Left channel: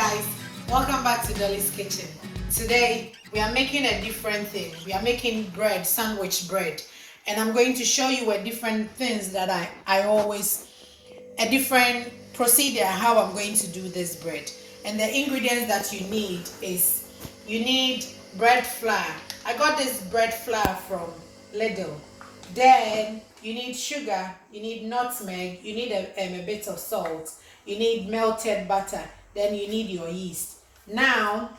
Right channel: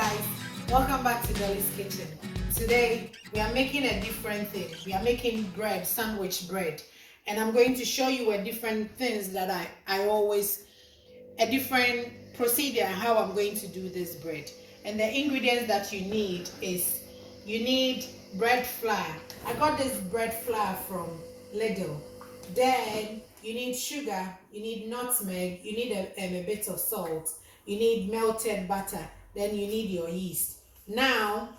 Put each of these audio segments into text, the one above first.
guys, welcome back to Dolly's Kitchen. Today we are making a different thing. We are making bread, sandwich bread, and I'm going to show you a different things that a different procedure how I'm going to do this bread. And the ingredients that you need is you need bread flour. I got this bread flour from Lidl. Then you need sugar, you need nutmeg, you need a bit of salt, you need melted butter, then you need your yeast. Now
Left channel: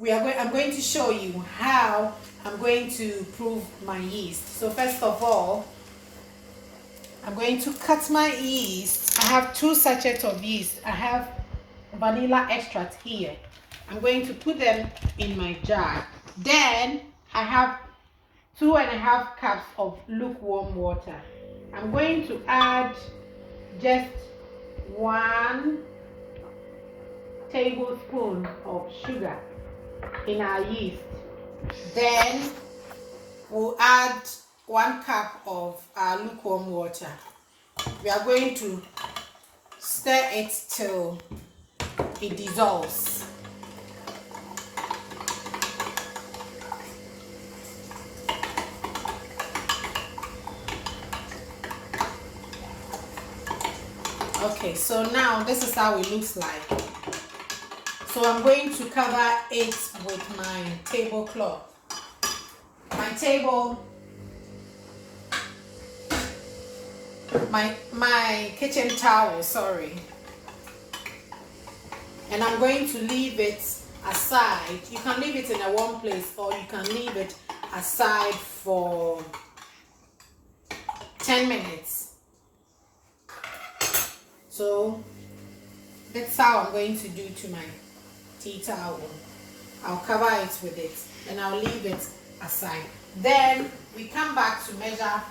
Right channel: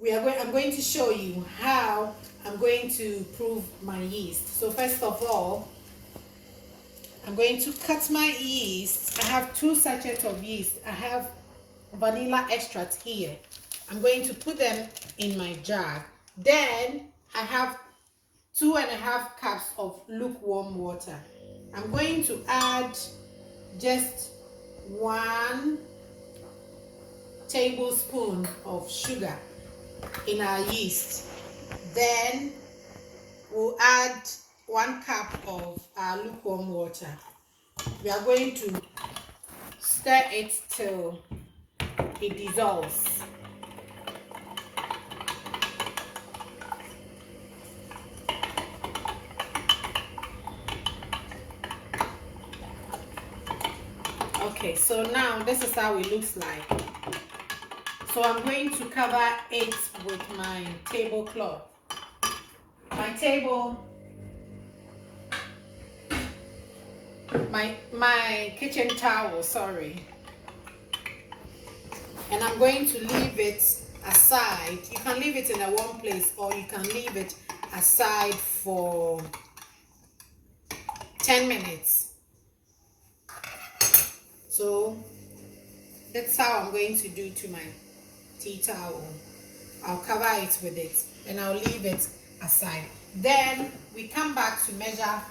I'm going to show you how I'm going to prove my yeast. So first of all, I'm going to cut my yeast. I have 2 sachets of yeast. I have vanilla extract here. I'm going to put them in my jar. Then I have 2.5 cups of lukewarm water. I'm going to add just 1 tablespoon of sugar in our yeast. Then we'll add 1 cup of our lukewarm water. We are going to stir it till it dissolves. Okay, so now this is how it looks like. So I'm going to cover it with my tablecloth. My kitchen towel, sorry. And I'm going to leave it aside. You can leave it in a warm place or you can leave it aside for 10 minutes. So that's how I'm going to do to my tea towel. I'll cover it with it and I'll leave it aside. Then we come back to measure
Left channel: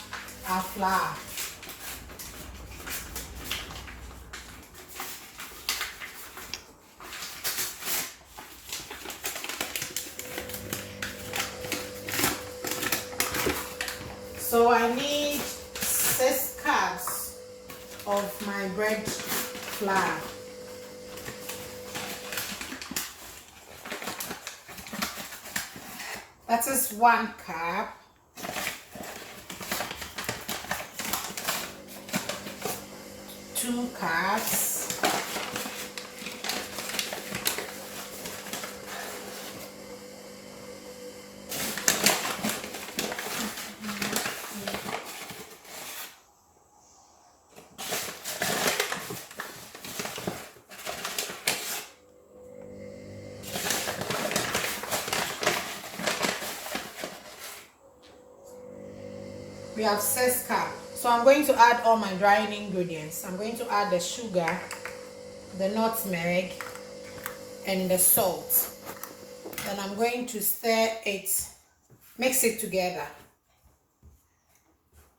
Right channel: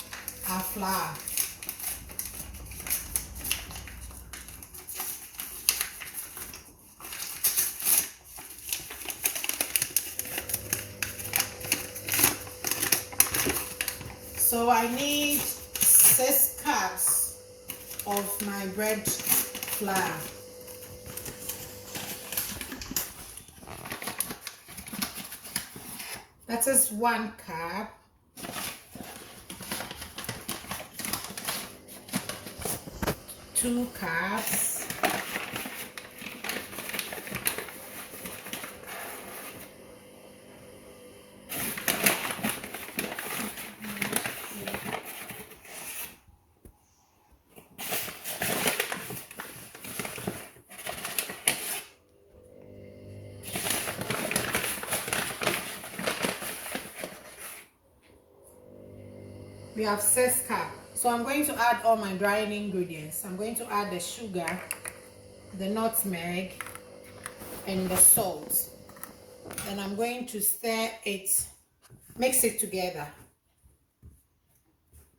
our flour. So I need 6 cups of my bread flour. That is 1 cup. Two cups. We have 6 cups. So I'm going to add all my drying ingredients. I'm going to add the sugar, the nutmeg, and the salt. Then I'm going to stir it, mix it together.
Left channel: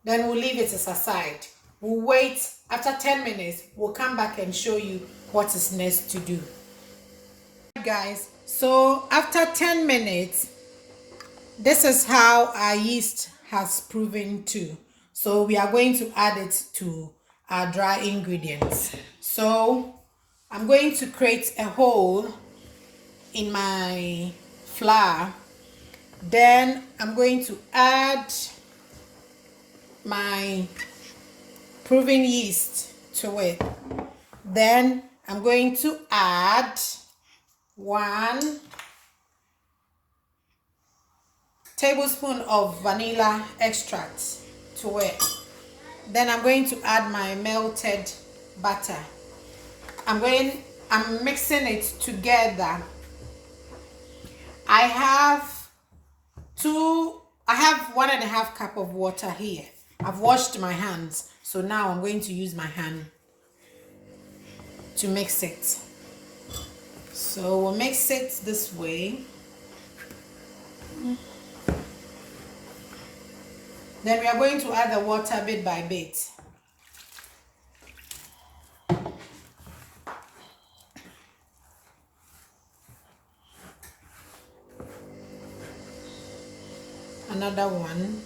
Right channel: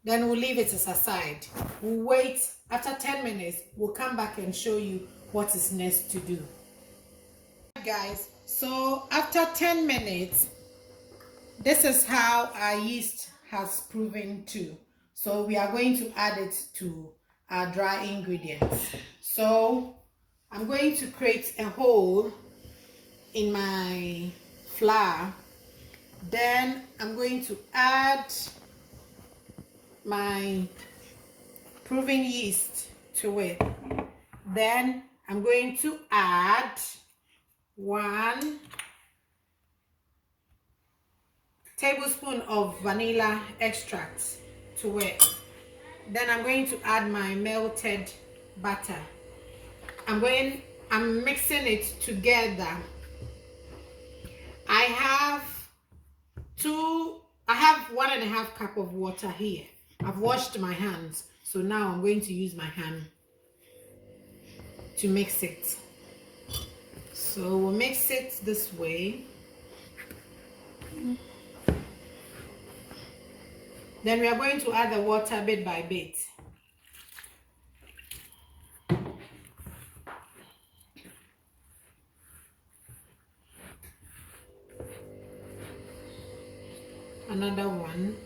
Then we'll leave it aside. We'll wait. After 10 minutes, we'll come back and show you what is next to do. Guys, so after 10 minutes, this is how our yeast has proven to. So we are going to add it to our dry ingredients. So I'm going to create a hole in my flour. Then I'm going to add my proven yeast to it. Then I'm going to add 1 tablespoon of vanilla extract to it. Then I'm going to add my melted butter. I'm mixing it together. I have 1.5 cup of water here. I've washed my hands, so now I'm going to use my hand to mix it. So we'll mix it this way. Then we are going to add the water bit by bit. Another one.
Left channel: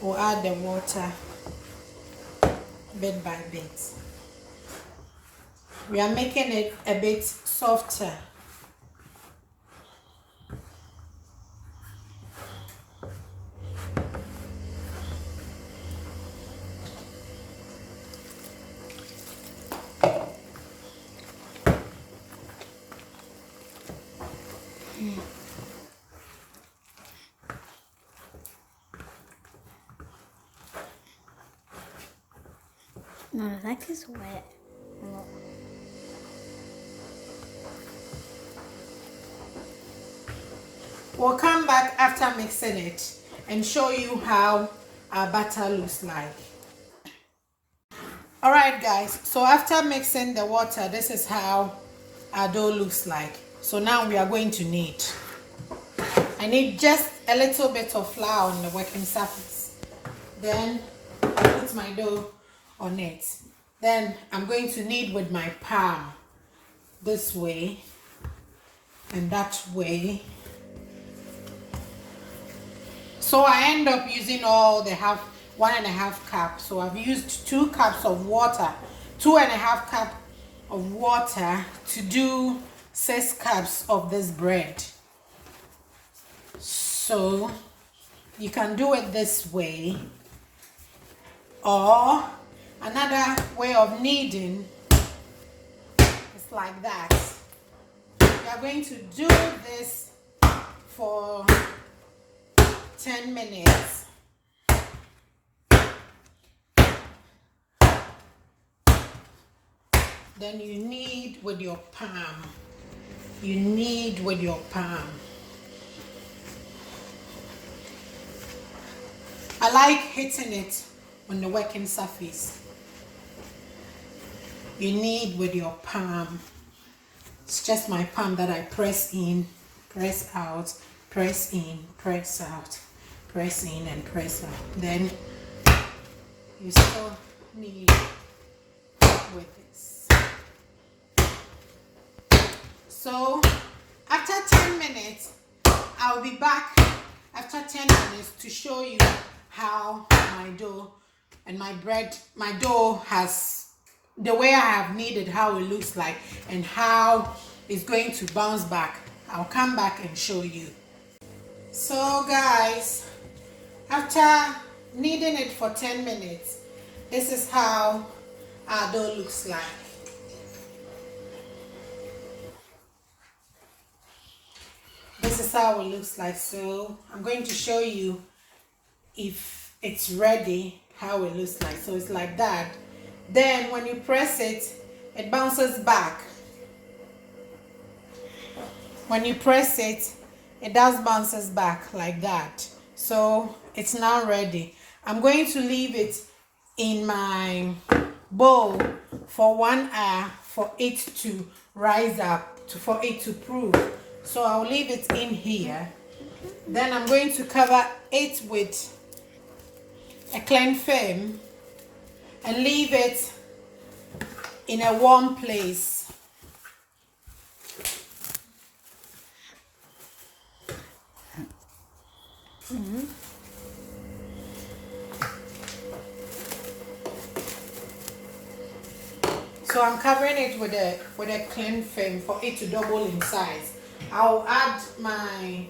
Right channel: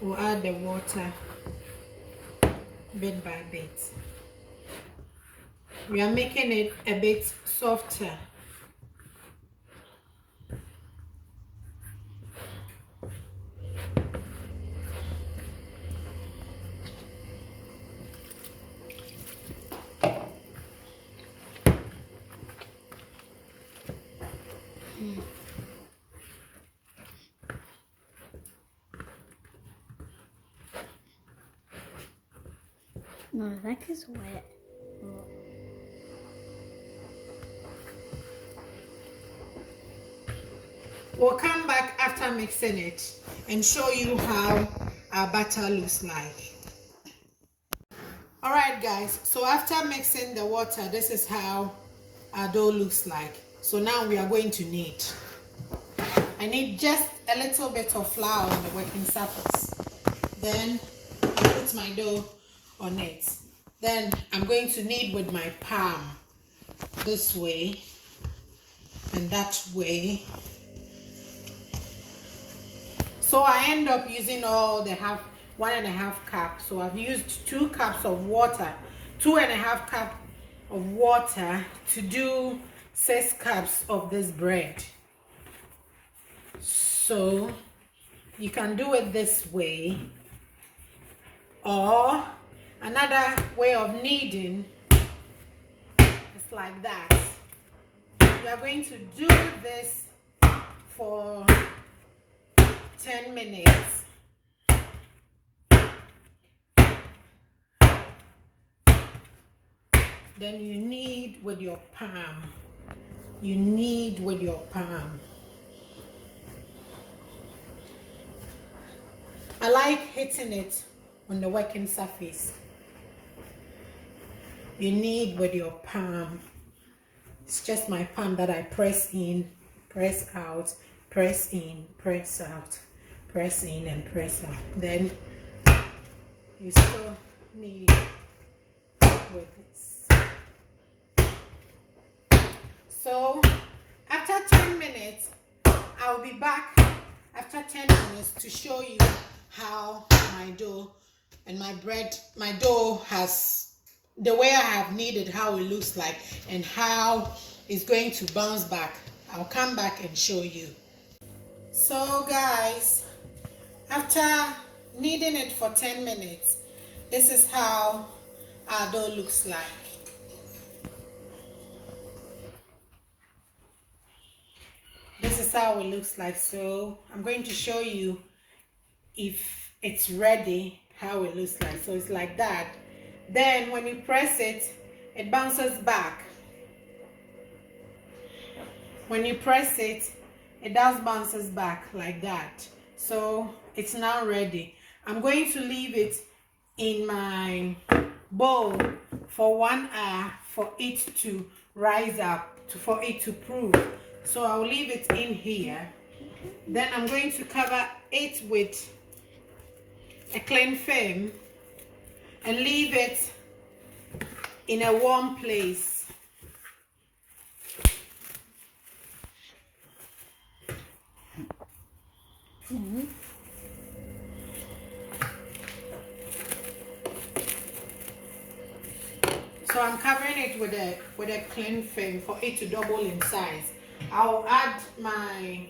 We'll add the water bit by bit. We are making it a bit softer. No, that is wet. We'll come back after mixing it and show you how our batter looks like. All right, guys, so after mixing the water, this is how our dough looks like. So now we are going to knead. I need just a little bit of flour on the working surface. Then I put my dough on it. Then I'm going to knead with my palm this way and that way. So I end up using all the 1.5 cup. So I've used 2 cups of water, 2.5 cup of water to do 6 cups of this bread. So you can do it this way, or another way of kneading is like that. We are going to do this for 10 minutes. Then you knead with your palm. You knead with your palm. I like hitting it on the working surface. You knead with your palm. It's just my palm that I press in, press out, press in, press out, press in and press out. Then you still knead with this. So after 10 minutes, I'll be back after 10 minutes to show you how my dough and my dough has, the way I have kneaded, how it looks like and how it's going to bounce back. I'll come back and show you. So guys, after kneading it for 10 minutes, this is how our dough looks like. This is how it looks like. So I'm going to show you if it's ready, how it looks like. So it's like that. Then when you press it, it bounces back. When you press it, it does bounces back like that. So it's now ready. I'm going to leave it in my bowl for 1 hour for it to rise up, for it to proof. So I'll leave it in here. Then I'm going to cover it with a cling film and leave it in a warm place. So I'm covering it with a cling film for it to double in size. I'll add my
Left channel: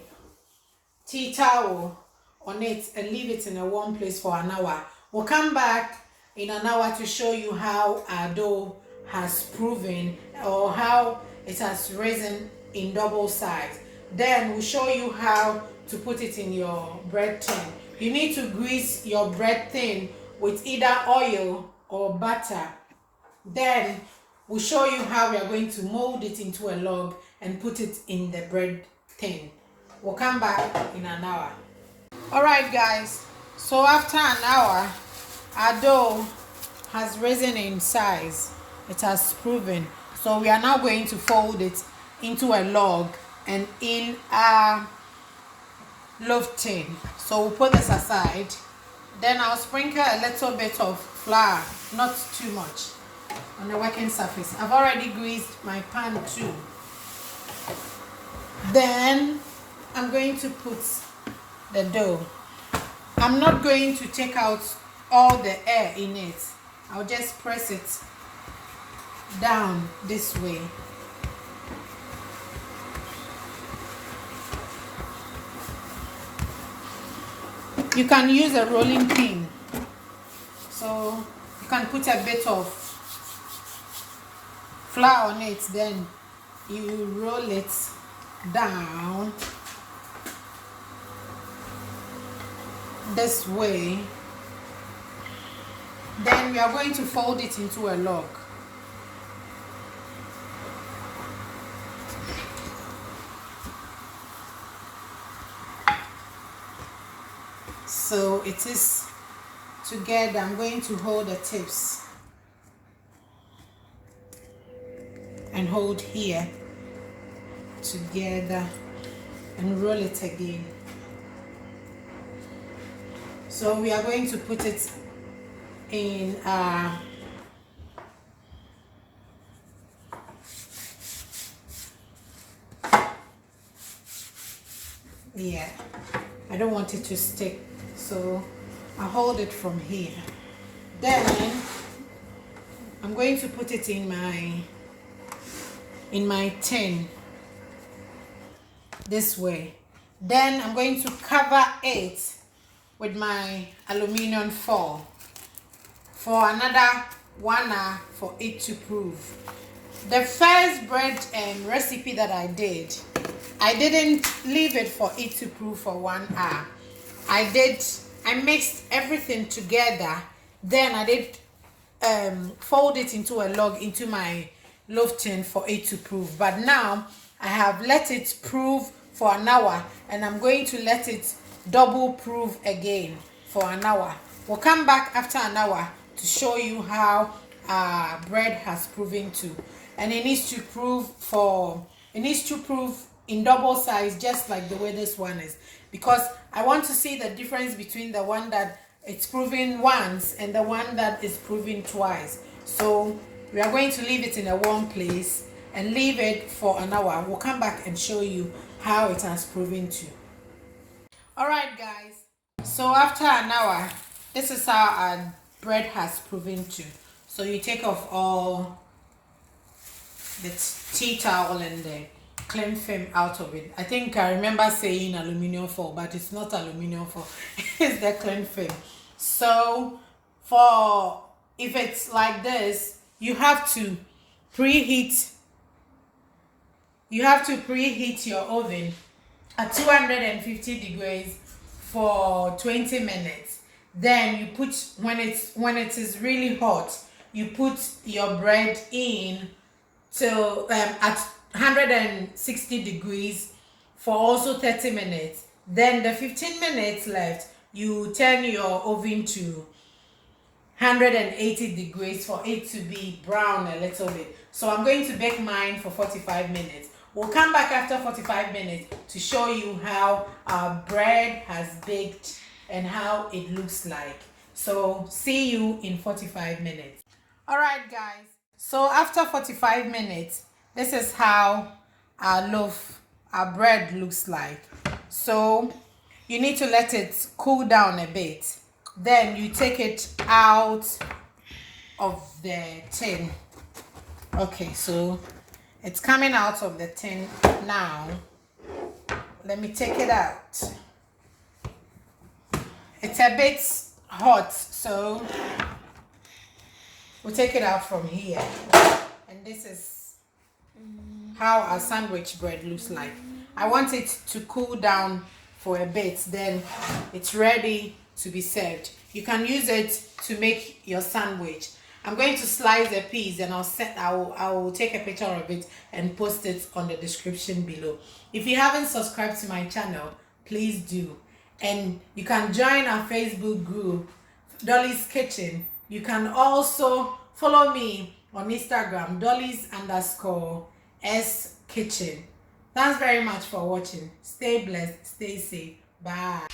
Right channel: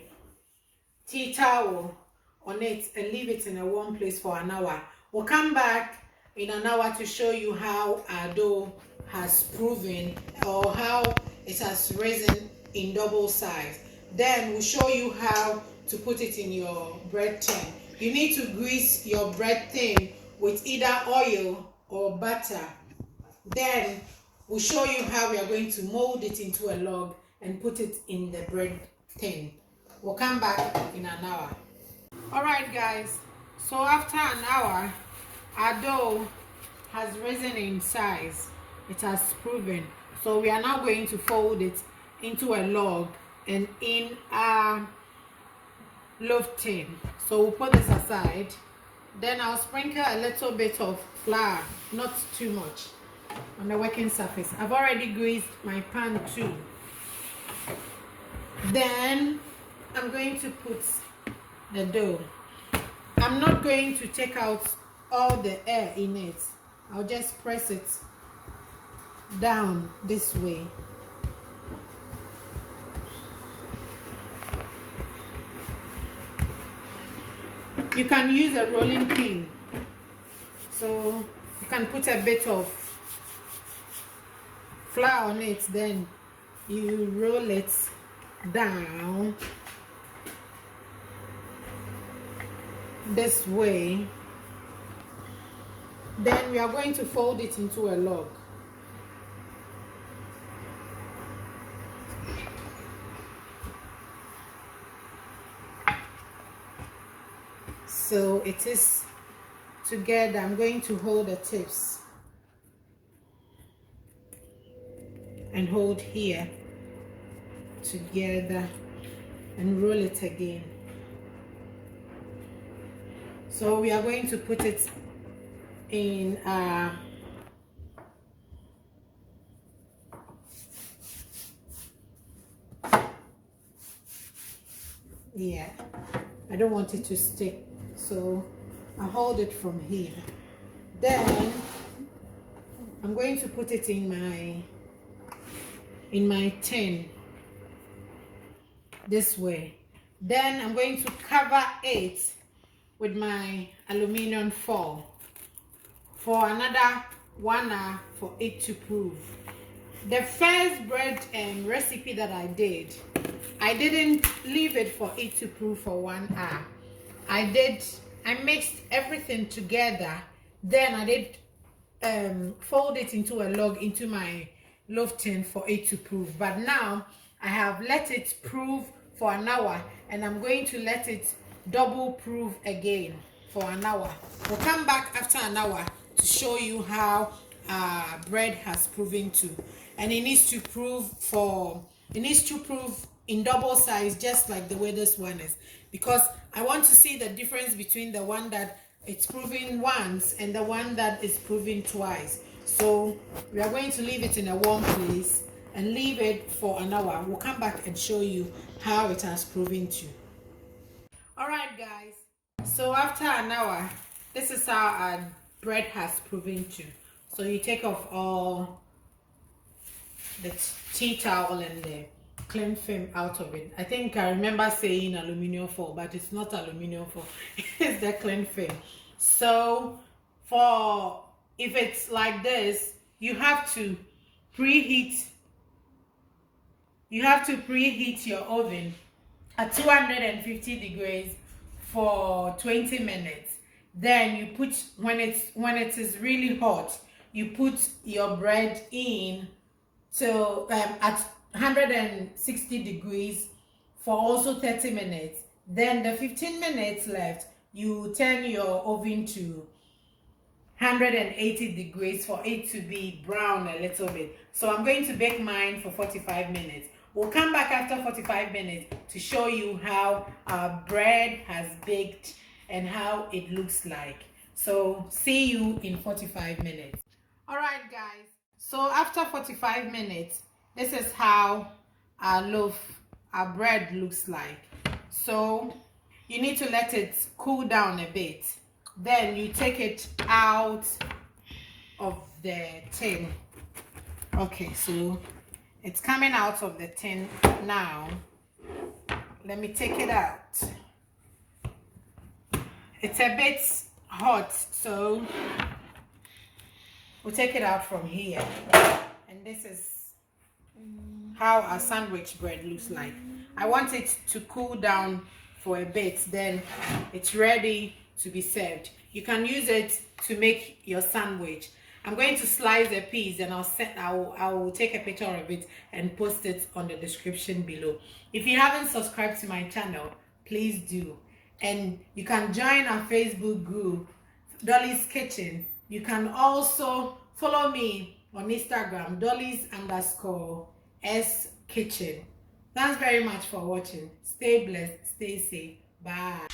tea towel on it and leave it in a warm place for an hour. We'll come back in an hour to show you how our dough has proven or how it has risen in double size. Then we'll show you how to put it in your bread tin. You need to grease your bread tin with either oil or butter. Then we'll show you how we are going to mold it into a log and put it in the bread tin. We'll come back in an hour. Alright guys, so after an hour, our dough has risen in size. It has proven. So we are now going to fold it into a log and in a loaf tin. So we'll put this aside. Then I'll sprinkle a little bit of flour, not too much, on the working surface. I've already greased my pan too. Then I'm going to put the dough. I'm not going to take out all the air in it. I'll just press it down this way. You can use a rolling pin, so you can put a bit of flour on it, then you roll it down this way. Then we are going to fold it into a log. So it is together. I'm going to hold the tips and hold here together and roll it again. So we are going to put it in yeah, I don't want it to stick, so I'll hold it from here. Then I'm going to put it in my tin this way. Then I'm going to cover it with my aluminum foil for another 1 hour for it to prove. The first bread recipe that I didn't leave it for it to prove for 1 hour. I mixed everything together, then I did fold it into a log into my loaf tin for it to prove. But now I have let it prove for an hour, and I'm going to let it double prove again for an hour. We'll come back after an hour to show you how bread has proven to. And it needs to prove in double size, just like the way this one is, because I want to see the difference between the one that it's proving once and the one that is proving twice. So we are going to leave it in a warm place and leave it for an hour. We'll come back and show you how it has proven to. All right, guys, so after an hour, this is how our bread has proven to. So you take off all the tea towel and the cling film out of it. I think I remember saying aluminum foil, but it's not aluminum foil. It's the cling film. So if it's like this, you have to preheat your oven at 250 degrees for 20 minutes. Then you put, when it is really hot, you put your bread in till at 160 degrees for also 30 minutes. Then the 15 minutes left, you turn your oven to 180 degrees for it to be brown a little bit. So I'm going to bake mine for 45 minutes. We'll come back after 45 minutes to show you how our bread has baked and how it looks like. So see you in 45 minutes. All right, guys. So after 45 minutes, this is how our bread looks like. So you need to let it cool down a bit. Then you take it out of the tin. Okay, so it's coming out of the tin now. Let me take it out. It's a bit hot, so we'll take it out from here. And this is how our sandwich bread looks like. I want it to cool down for a bit, then it's ready to be served. You can use it to make your sandwich. I'm going to slice a piece and I will take a picture of it and post it on the description below. If you haven't subscribed to my channel, please do. And you can join our Facebook group, Dolly's Kitchen. You can also follow me on Instagram, Dolly's_S Kitchen. Thanks very much for watching. Stay blessed, stay safe. Bye.